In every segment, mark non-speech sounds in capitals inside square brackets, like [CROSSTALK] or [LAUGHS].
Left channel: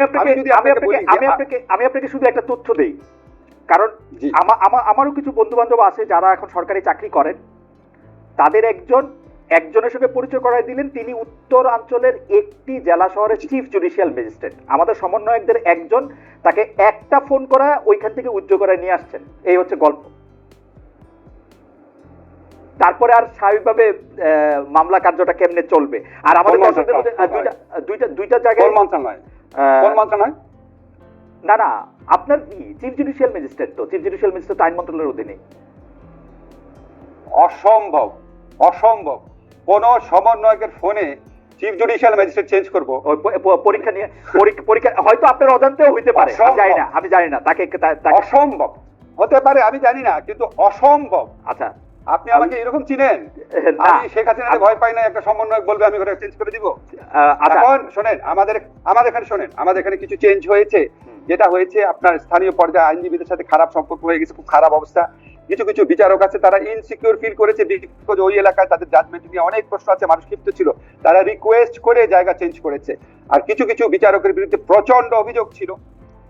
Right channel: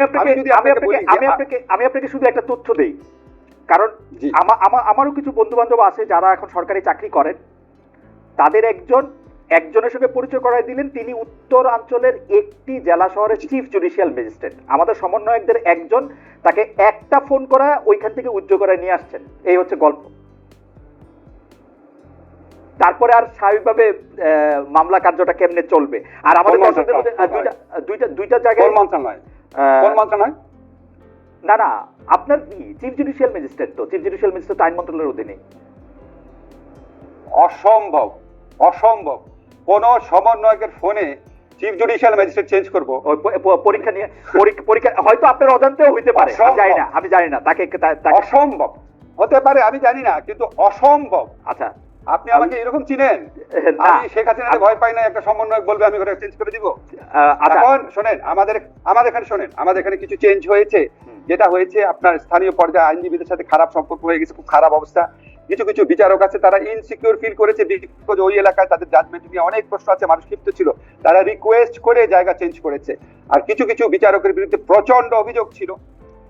আমি আপনাকে আমি আপনাকে শুধু একটা তথ্য দেই। কারণ আমারও কিছু বন্ধু বান্ধব আছে যারা এখন সরকারি চাকরি করেন। তাদের একজন একজনের সঙ্গে পরিচয় দিলেন। তিনি উত্তরাঞ্চলের একটি জেলা শহরের চিফ জুডিশিয়াল ম্যাজিস্ট্রেট আমাদের সমন্বয়কদের একজন তাকে একটা ফোন করা ওইখান থেকে উজ্জ্ব করে নিয়ে আসছেন। এই হচ্ছে গল্প। তারপরে আর স্বাভাবিকভাবে মামলা কার্যটা কেমনে চলবে? আর আমাদের দুইটা দুইটা জায়গায় কোন মন্ত্রণালয়? না না আপনার কি? চিফ জুডিশিয়াল ম্যাজিস্ট্রেট তো। চিফ জুডিশিয়াল ম্যাজিস্ট্রেট আইন মন্ত্রণালয়ের অধীনে অসম্ভব অসম্ভব। কোন সমন্বয়কের ফোনে চিফ জুডিশিয়াল ম্যাজিস্ট্রেট চেঞ্জ করব। পরীক্ষা নিয়ে পরীক্ষা হয়তো আপনার অজান্তেও হইতে পারে। জানি না আমি জানি না। তাকে তাকে অসম্ভব। হতে পারে আমি জানি না কিন্তু অসম্ভব। আচ্ছা। আপনি আমাকে এরকম চিনেন? আমি শেখ হাসিনাকে ভয় পাই না একটা সমন্বয়ক বলবে আমি ওটা চেঞ্জ করে দিব। আচ্ছা। এখন শোনেন আমাদের আমাদের এখানে শোনেন আমাদের এখানে কিছু চেঞ্জ হয়েছে। যেটা হয়েছে আপনার স্থানীয় পর্যায়ে আইনজীবীদের সাথে খারাপ সম্পর্ক হয়ে গেছে খুব খারাপ অবস্থা। কিছু কিছু বিচারক আছে তারা ইনসিকিউর ফিল করেছে বিকজ ওই এলাকায় তাদের জাজমেন্ট নিয়ে অনেক প্রশ্ন আছে মানুষ ক্ষিপ্ত ছিল। তারা রিকোয়েস্ট করে জায়গা চেঞ্জ করেছে। আর কিছু কিছু বিচারকের বিরুদ্ধে প্রচণ্ড অভিযোগ ছিল।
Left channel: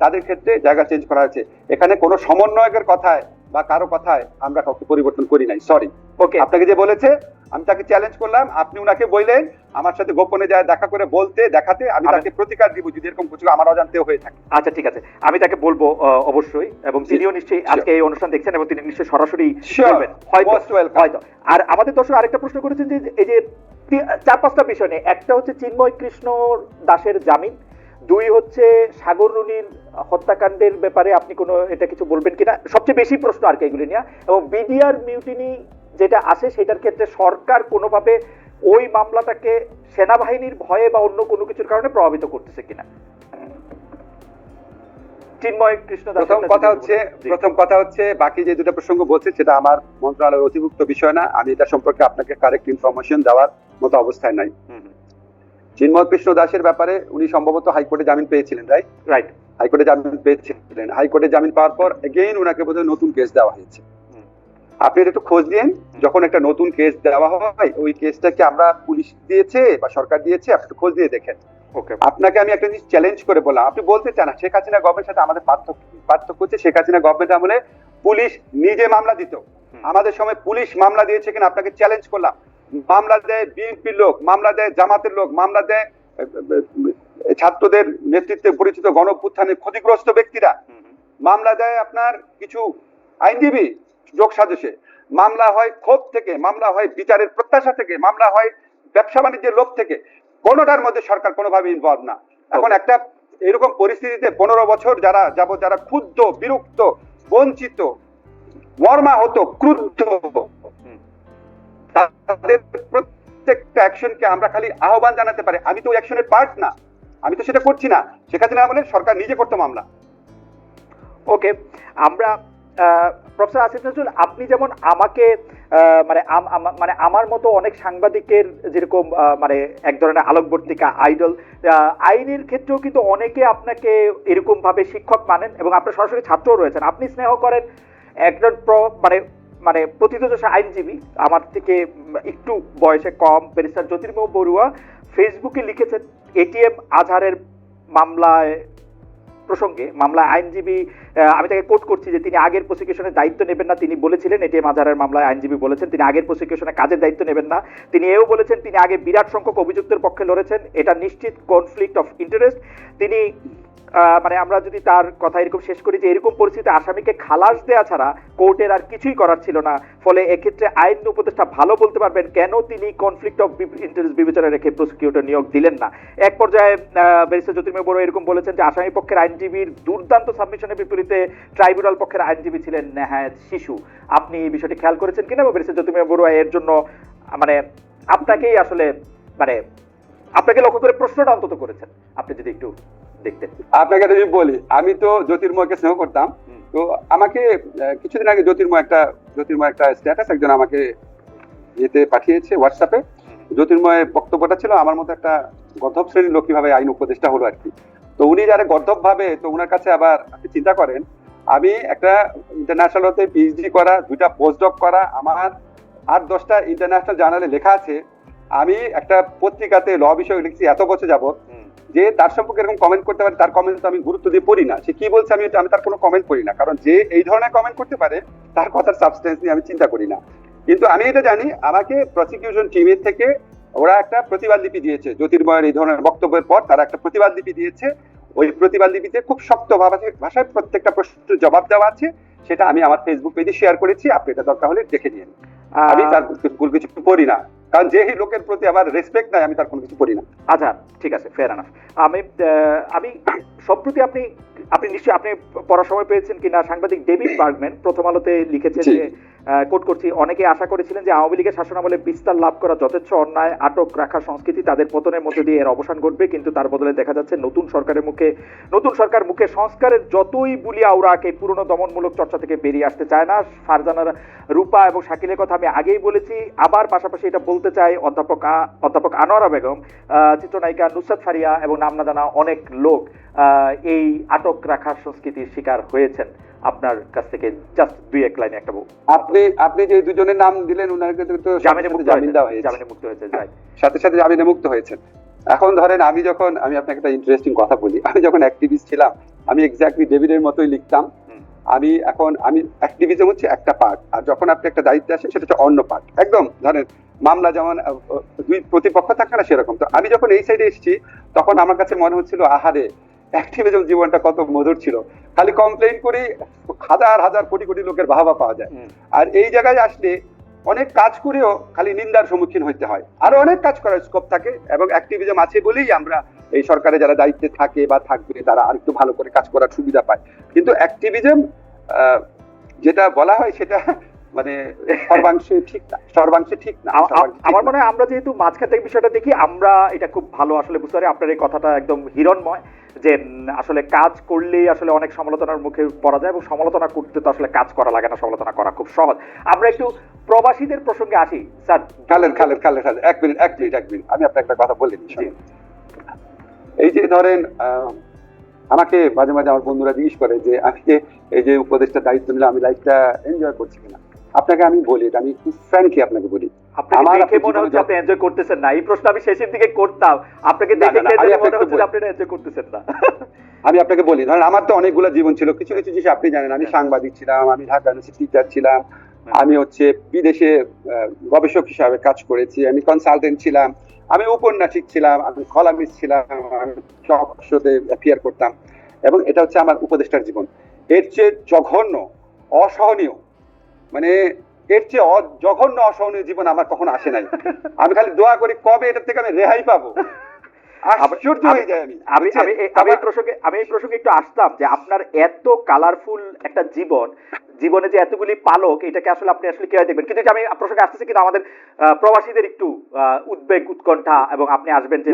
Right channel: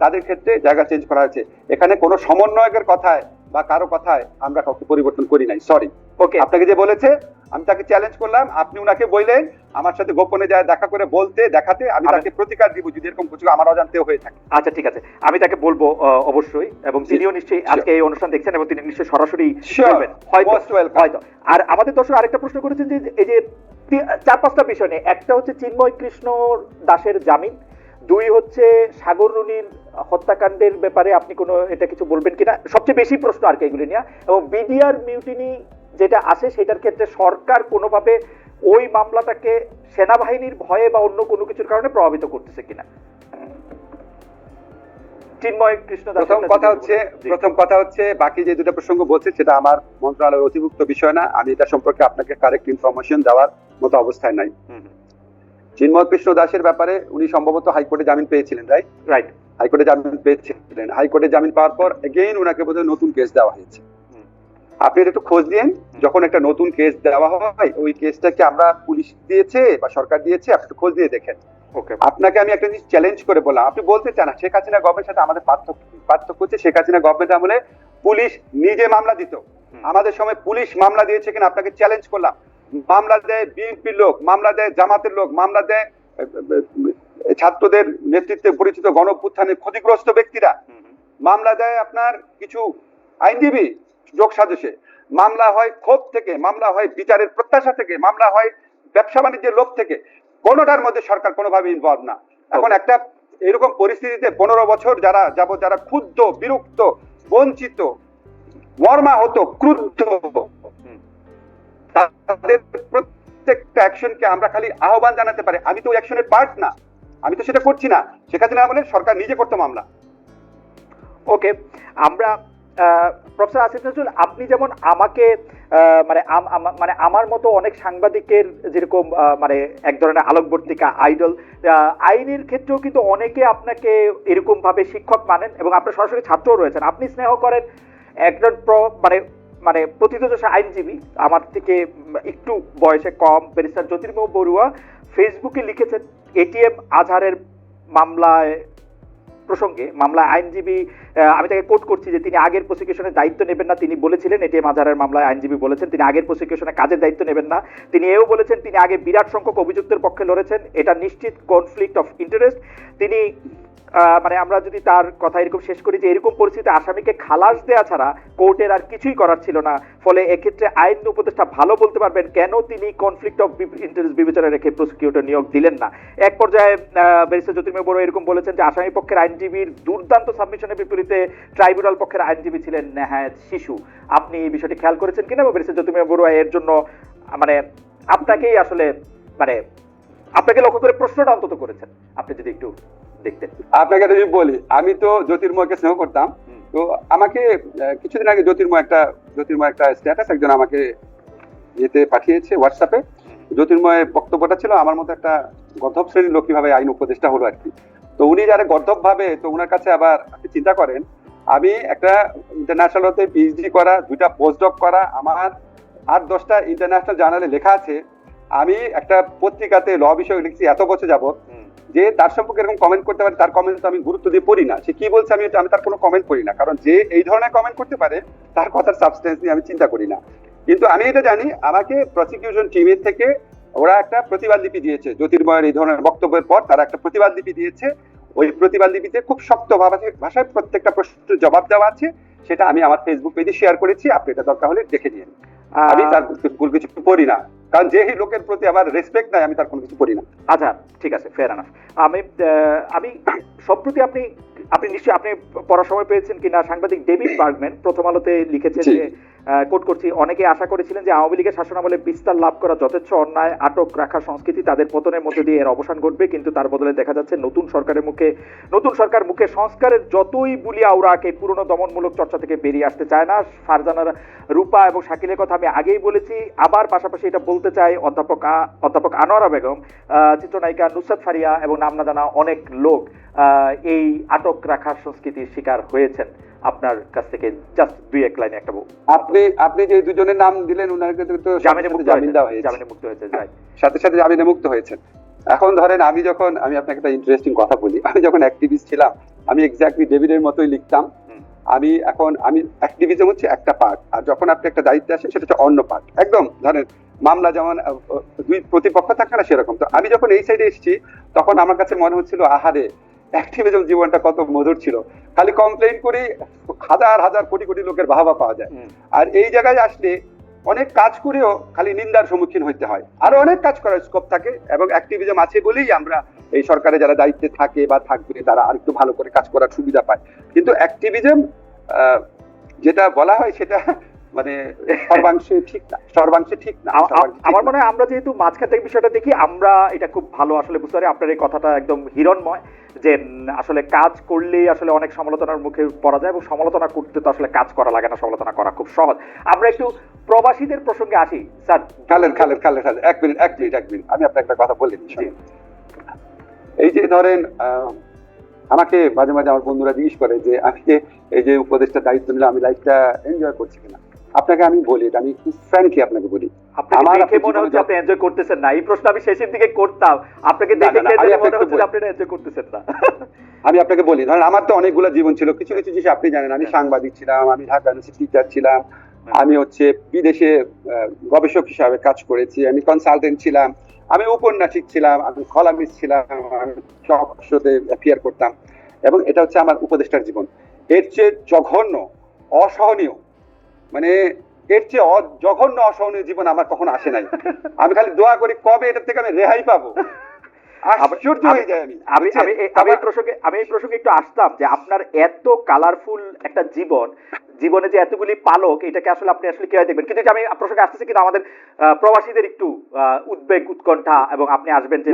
তাদের ক্ষেত্রে জায়গা চেঞ্জ করা হয়েছে। এখানে কোনো সমন্বয়কের কথায় বা কারও কথায় আমরা কাউকে পরিবর্তন করি নাই। সরি ওকে আপনাকে যে বলেছে আমি তাকে চ্যালেঞ্জ করলাম আপনি উনাকে বললেন আমার সাথে গোপনে যায় দেখা করে বলতে দেখাতে আমি তাকে প্রতিকার দিব যদি এরকম কিছু আমার অজান্তেও হয়ে থাকে। আচ্ছা ঠিক আছে। আমি তাকে বলব অবশ্যই এবং তিনিও নিশ্চয়ই আজকে এই অনুষ্ঠান দেখছেন এবং তিনি নিশ্চয়ই সরাসরি হয়তো আর আমাদের দর্শক আরেকটা প্রশ্ন করেছেন যে এই যে চার পাঁচটা বিষয় নিয়ে। একটা হচ্ছে চিন্ময় কৃষ্ণ দাসের জামিন দুই হচ্ছে সাগর রুনির হত্যাকাণ্ডের ব্যাপারে আপনি কোনো এটা কিছু বলবেন কিনা? সবচেয়ে বেশি প্রশ্ন আর কি এগুলো নিয়ে। এবং বিডিআর মিউটিনি যেটা আছে সেটার ক্ষেত্রে সরকার কোনোভাবে ওই মামলাটাকে সেনাবাহিনীর ভয়ে বা অন্য কোনো কিছুর কারণে প্রভাবিত করতেছে কিনা। প্রথম কথা হচ্ছে প্রথম কথা হচ্ছে বাকি যে দুটো প্রসঙ্গ বলছে সেটা আমার মন্ত্রণালয়ের অতিভুক্ত বিষয় না। আমি এটা সম্পর্কে আপনাকে কারেক্ট ইনফরমেশন দেওয়ার মতো অবস্থায় নাই। চিন্ময় কৃষ্ণ দাসের ব্যাপারে উনি সম্ভবত হাইকোর্টে জামিন পেয়েছিলেন রাইট রাইট হাইকোর্টে জামিন পেয়েছিলেন। হাইকোর্টে জামিন পাওয়ার পর এগেইন ওনাকে বোধহয় নতুন কেস দেওয়া হয়েছে। আপনি একটু খোঁজ দিন যখন একটা নতুন কেস দেওয়া হয় ওই কেসটাকে আমরা পুলিশ দিয়েছে বা সরকার দিয়েছে আপনি খোঁজ দিয়ে দেখেন। আপনাকে আমি একটা জিনিস চ্যালেঞ্জ করে বললাম। আপনি বলতে চান শেখ হাসিনা গভর্নমেন্টের সাথে আমাদের পার্থক্য পার্থক্য হচ্ছে শেখ হাসিনা গভর্নমেন্ট আমলে পুলিশ নিজে মামলা দিত। আমাদের সময় পুলিশ মামলা দিয়েছে কিনা আপনাকে চ্যালেঞ্জ করলাম। মামলা দেয় বিএনপির লোক মামলা দেয় জামাতের লোক মামলা দেয় ছাত্রদের নেতৃত্বে পরিচিত গণপুত্থানের ক্ষতিগ্রস্ত ব্যক্তিরা মামলা দেয় আপনার কিছু আইনজীবী যোগ সাজসে মামলা হয় ক্ষোভ থেকে মামলা হয় বিচারের প্রত্যাশা থেকে মামলা হয় ব্যবসা বাণিজ্যের লোক থেকে। কোনোটার মধ্যে সরকার কোনোভাবে ইনভলভ না। এখন একটা এরকম পরিস্থিতিতে পনেরো বছর যারা যাব যারা ক্ষুব্ধ বিরক্ত বঞ্চিত মর্মাহত ক্রুদ্ধ তাদের প্রত্যেকটা অ্যাকশনকে আমরা খালি আহ্বান জানাতে পারি। আমি তো অ্যাকশনের পার্ট না। আমি তো সেটা করছি না। সেখানে আমলে সরকার নিজে করতো মামলা। ওকে, আমরা প্রফেসর আসিফ নজরুল, আপনি যেমন আমাকে মানে মানে আমার মতো অনেক সাংবাদিকের যেরকম মানে এক ধরনের আলোকবর্তিকা আইডল আইনের ক্ষেত্রেও কিন্তু অনেকে আপনাকে এরকম ভাবে শিক্ষক মানেন এবং আপনার সরাসরি ছাত্রও রয়েছেন। আপনি স্নেহ করেন, একজন মানে মানে প্রতিদোষ আইনজীবী, আমার থেকে একটু বয়সে কম, ব্যারিস্টার জ্যোতির্ময় বড়ুয়া ফেসবুকে লিখেছেন এটিএম আজহারের মামলায় প্রসঙ্গে মামলায় আইনজীবী আমি তাকে কোট করছি যে তিনি আগের প্রসিকিউশনের দায়িত্ব নেবেন না, তিনি বলেছিলেন এটিএম আজহারের মামলায় আইনজীবী বলেছেন, তিনি আগের প্রসিকিউশনে কাজের দায়িত্ব নেবেন না। তিনি এও বলেছেন, তিনি আগে বিরাট সংখ্যক অভিযুক্তের পক্ষে লড়েছেন। এটা নিশ্চিত কনফ্লিক্ট অফ ইন্টারেস্ট তিনি মানে আমরা যদি তার কথা এরকম শেষ করি যে এরকম পরিস্থিতিতে আসামিকে খালাস দেওয়া ছাড়া কোর্টের আর কিছুই করার ছিল না। ফলে এক্ষেত্রে আইন উপদেষ্টা ভালো বলতে পারবেন কেন তিনি কনফ্লিক্ট অফ ইন্টারেস্ট বিবেচনা রেখে প্রসিকিউটর নিয়োগ দিলেন না। এক পর্যায়ে ব্যারিস্টার জ্যোতির্ময় বড় এরকম বলেছেন যে আসামি পক্ষের আইনজীবীর দুর্দান্ত সাবমিশনের বিপরীতে ট্রাইব্যুনাল পক্ষের আইনজীবী ছিলেন নেহায়ত শিশু। আপনি এই বিষয়টি খেয়াল করেছেন কিনা? বা ব্যারিস্টার জ্যোতির্ময় বড়ুয়া এর জন্য মানে আপনাকেই আসলে মানে আপনাকে লক্ষ্য করে প্রশ্নটা অন্তত করেছেন। আপনি যদি একটু দেখতেন আপনাকে যদি বলি আমি তো জ্যোতির্ময়কে স্নেহ করতাম। তো আমাকে কিছুদিন আগে জ্যোতির্ময় একটা জ্যোতির্ময় একটা স্ট্যাটাস একজন আমাকে ইয়েতে পাঠিয়েছে হোয়াটসঅ্যাপে জ্যোতির্ময়ের বক্তব্যটা ছিল আমার মতো একটা মধ্যম শ্রেণির লোক কীভাবে আইন উপদেষ্টা হলো আর কি। তো উনি যারা গর্ধব ভাবে তো ওনার কাছে আবার চিন্তা করেন আমি একটা ইন্টারন্যাশনাল হতে পিএইচডি করা দুইটা পোস্টডক করা আমার আট দশটা ইন্টারন্যাশনাল জার্নালে লেখা আছে আমি একটা পত্রিকাতে র বিষয়ে লিখছি এত বছর যাবত যে তার সম্পর্কে এরকম কমেন্ট করতে পারে তার কমেন্ট আমি গুরুত্ব দিয়ে পড়ি না। সে কি বলছে আমি আমি তার কোনো কমেন্ট করি না। কারণ যে এই ধরনের কমেন্ট করতে পারে তার কথার সাবস্টেন্স নিয়ে আমি চিন্তা করি না। কিন্তু আমি এটা জানি আমাকে প্রসিকিউশন টিমের থেকে ওরা একটা প্রতিবাদ লিপি দিয়েছে। জ্যোতির্ময়ের এই ধরনের বক্তব্যের পর তারা একটা প্রতিবাদ লিপি দিয়েছে। ওই প্রতিবাদ লিপিতে খুব শক্ত ভাষায় প্রত্যেকটা প্রশ্নের জবাব দেওয়া আছে। সেটা আমি আমার ফেসবুক পেজে শেয়ার করেছি। আপনি এটা দরকার হলে দেখে নিন। আমি তার কিছু করি না। কারণ যে লোকের প্রতি আমার রেসপেক্ট নাই আমি তার কোনো কিছু করি না। আচ্ছা ঠিক আছে ফেয়ার আনাফ আমি আহ, আমি সম্প্রতি আপনি আপনি নিশ্চয়ই আপনি পড়ার সময় পেয়েছেন কিনা? সাংবাদিক ডেভিড বার্গম্যান প্রথম আলোতে লিখেছেন যে কোট করছি অনেকে আশা করেছিলেন যে আওয়ামী লীগের শাসনামলে বিস্তার লাভ করা যথেচ্ছ অন্যায়, আটক রাখার সংস্কৃতি তাদের পতনের মধ্যে দিয়ে এর অবসান ঘটবে, কিন্তু তার বদলে দেখা যাচ্ছে নতুন সরকারের মুখে, নতুন সরকার মুখে সংস্কারের যতই বুলি আওড়াকে পুরনো দমনমূলক চর্চা থেকে বেরিয়ে আসতে চায় না। ফারজানার রূপা এবং শাকিলের কথা আমি আগেই বলেছি, আবার পাশাপাশি এটা বলতে চাই অধ্যাপক অধ্যাপক আনোয়ারা বেগম চিত্রনায়িকা নুসরত ফারিয়া এবং নাম না জানা অনেক লোক। এই আটক রাখার সংস্কৃতির শিকার হয়েছেন। আপনার কাছ থেকে জাস্ট দুই এক লাইনে একটা আপনি আপনি যে দুজনের নাম দিলেন ওনাকে তো জামিনে মুক্ত জামিন হয়েছে সাথে সাথে জামিনে মুক্ত হয়েছে এখন ধরেন আমি যখন আমি আপনাকে একটা ইন্টারেস্টিং কথা বলি। আমি যখন অ্যাক্টিভিস্ট ছিলাম আমি এক্স্যাক্টলি ডেভিডের মতোই লিখতাম। আমি এখন আমি অ্যাক্টিভিজম হচ্ছে একটা পার্ট আর যখন আপনি একটা দায়িত্বে আছেন সেটা অন্য পার্ট একদম ধরেন মামলা যেমন দুই প্রতিপক্ষ থাকে না সেরকম। তো আমি যখন এই সাইডে এসেছি তখন আমার কাছে মনে হচ্ছিল আহারে অ্যাক্টিভিজম জীবনটা কত মধুর ছিল। খালি কমপ্লেন করে হাজার হাজার কোটি কোটি লোকের বাহাবা পাওয়া যায়। আর এই জায়গায় আসলে অনেক কাজ করেও খালি নিন্দার সম্মুখীন হইতে হয়। আরও অনেক কাজ করার স্কোপ থাকে এবং অ্যাক্টিভিজম আছে বলেই আমরা এই সরকারে যারা দায়িত্বে থাকে বা থাকবে তারা আরেকটু ভালো করে কাজ করার সুবিধা পায়। কিন্তু অ্যাক্টিভিজম যেটা বলা হয় সেটা মানে [LAUGHS] সর্বাংশে ঠিক না সর্বাংশে ঠিক না আমার মনে হয় আমরা যেহেতু মাঝখান থেকে বিষয়টা দেখি আমরা এটা খুব ভালো আসলে বুঝতে পারি। আপনার এই কথাটা একদম হিরণময় যে আসলে কাজ করলেই আসলে অনেক সমালোচনার মুখে পড়া যায় এবং সমালোচনা করতে তো আসলে কাজ করা লাগে না সমালোচনা করা খুব সহজ। আমরা একটু প্রবাসীদের প্রসঙ্গে আসি স্যার। খালেদ খালেদ খালেদ খালেদ এক মিনিট এক মিনিট এক মিনিট। আমি আপনাকে একটা কথা বলে দিচ্ছি। এই যে ধরেন আহ, আমাকে মাঝে মাঝে আমার বন্ধুরা জিজ্ঞেস করে যে যে এই যে উপদেশটা দায়িত্ব নিলাম আমি লাইফটা এনজয় করছি কিনা? আপনাকে আমি বলি আমি ফ্র্যাঙ্কলি আপনাকে বলি। আপনাকে আমার দেখে মনে হচ্ছে আপনি এনজয় করতেছেন না। এই প্রশ্ন আমি শেষের দিকে করতাম। আপনাকে দেখে মনে হচ্ছে আপনি এনজয় করতেছেন না। আমি আপনাকে বলি আমার তো অনেকগুলো জীবন ছিল। কিছু কিছু জিনিস আপনি জানেন আমি সাংবাদিক ছিলাম আমি ঢাকা ইউনিভার্সিটি টিচার ছিলাম আমি হচ্ছে বিদেশে গবেষক হিসাবে কাজ করেছি আমি কনসালটেন্ট ছিলাম আমি উপন্যাসিক ছিলাম আমি কলামিস্ট ছিলাম আমি সব শোতে অ্যাপিয়ার করতাম। এবং এটা হচ্ছে আমার উপদেষ্টার জীবন। এর চেয়ে জঘন্য অসহনীয় মানে এর চেয়ে জঘন্য অসহনীয় জীবন আমার কখন আসে নাই। আমি খালি দোয়া করি কবে এটার থেকে আমি রেহাই পাবো? আশ্চর্য হয়ে যায় আমি। আমি আমি এই- আমি এই আমার- প্রসঙ্গে আমি এই প্রসঙ্গে একটু আসতাম যে আপনার এত কালারফুল একটা জীবন জীবনে যে এতগুলি পালক এটাকে আসলে আপনি আসলে কীভাবে দেখবেন কিন্তু আমি প্রসঙ্গে আসতেছি কিন্তু আমাদের প্রবাসীদের একটু আহ, উদ্বেগ উৎকণ্ঠা এবং আপনি আসবেন যে